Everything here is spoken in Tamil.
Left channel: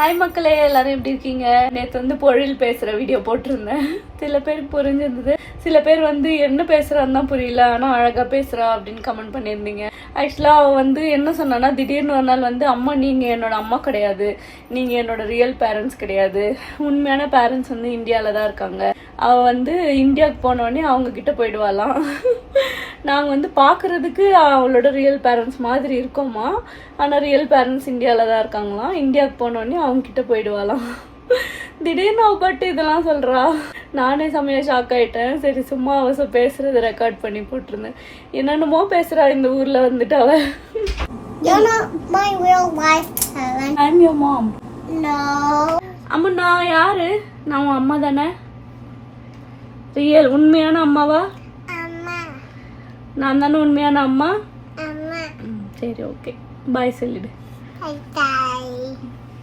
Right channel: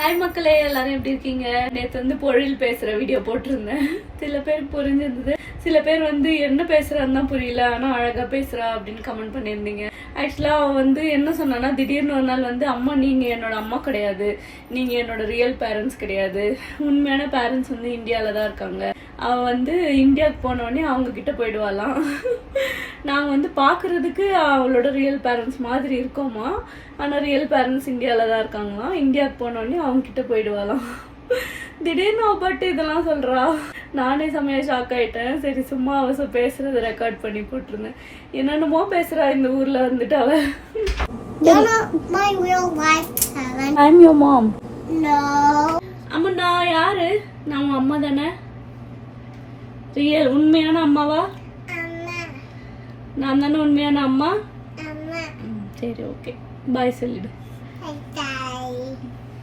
ஹாய் மக்களே, எல்லாரும் எப்படி இருக்கீங்க? நேற்று வந்து பொழில் பேசுற வீடியோ போட்டிருந்தேன். சில பேருக்கு புரிஞ்சிருந்தது, சில பேர் வந்து என்ன பேசுறான்னு தான் புரியல, ஆனா அழகா பேசுறா அப்படின்னு கமெண்ட் பண்ணியிருந்தீங்க. ஆக்சுவலா அவ வந்து என்ன சொன்னா, திடீர்னு ஒரு நாள் வந்து அம்மா நீங்க என்னோட அம்மா கிடையாது, நீங்க என்னோட ரியல் பேரண்ட்ஸ் கிடையாது, உண்மையான பேரண்ட்ஸ் வந்து இந்தியால தான் இருக்காங்க. அவ வந்து இந்தியாவுக்கு போனோடனே அவங்க கிட்ட போயிடுவாளாம். நாங்க வந்து பாக்குறதுக்கு அவளோட ரியல் பேரண்ட்ஸ் மாதிரி இருக்கோமா, ஆனா ரியல் பேரண்ட்ஸ் இந்தியால தான் இருக்காங்களாம். இந்தியாவுக்கு போனோடனே அவங்க கிட்ட போயிடுவாளாம். திடீர்னு அவ பட்டு இதெல்லாம் சொல்றா. நானே செம்மையா ஷாக் ஆயிட்டேன். சரி சும்மா அவ பேசுறது ரெக்கார்ட் பண்ணி போட்டிருந்தேன். என்னென்னமோ பேசுறா இந்த ஊர்ல வந்துட்டு அவ. You're not my real life parent. I'm your mom. No. அம்மா நான் யாரு? நான் உன் அம்மா தானே? ரியல் உண்மையான அம்மாவா? Amma. நான் தானே உண்மையான அம்மா? Amma. சரி ஓகே, பாய் சொல்லிடு. Bye bye.